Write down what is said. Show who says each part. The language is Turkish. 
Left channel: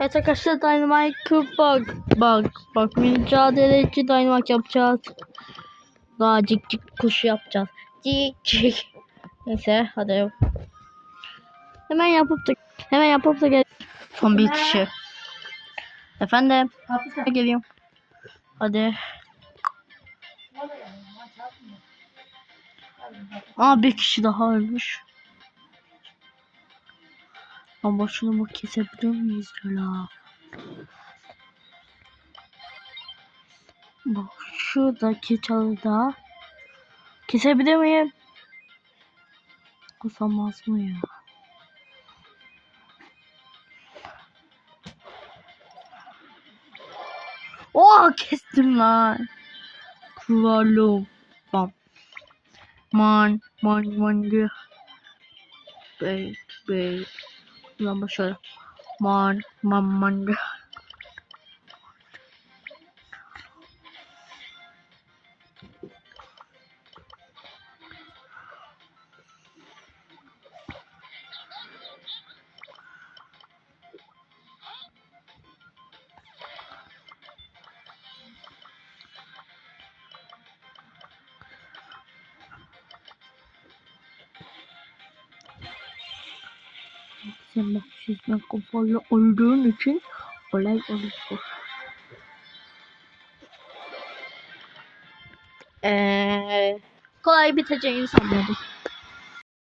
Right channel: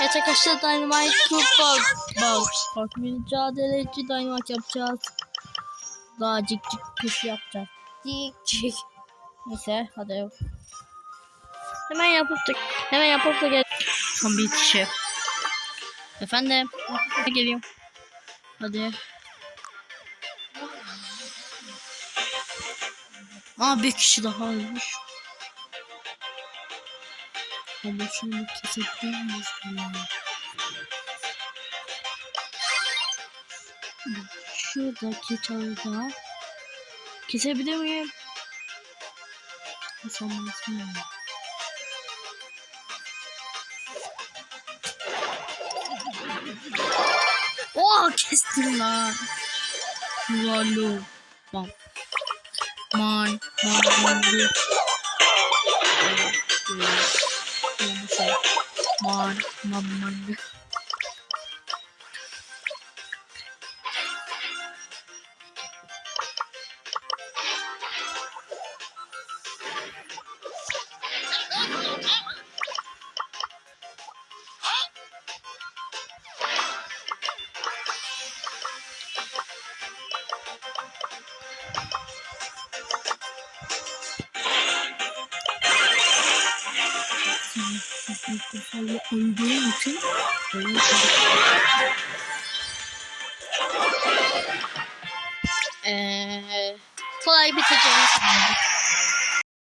Speaker 1: Evet arkadaşlar Dynamite bak bak bak mücadeleci Dynamite yapacağız. Daha cik cik kuş yapacağız. Cik cik. Neyse hadi. Hemen yapıp da hemen yapıp da gel. Son bir kişi. Efendim. Hadi geliyorum. Hadi. Aa bir kişi daha ölmüş. Ama şunu mu kesebilir miyiz ya? Bak şuradaki çalıda kesebilir miyim? Kusamaz mı ya? Oh kestim lan. Lalo. Bam. Man. Man. Man. Evet. Evet. Boşver. Man. Man. Man. Sizden kafalı olduğun için kolay olur. Eee kolay biteceğini sanıyordum.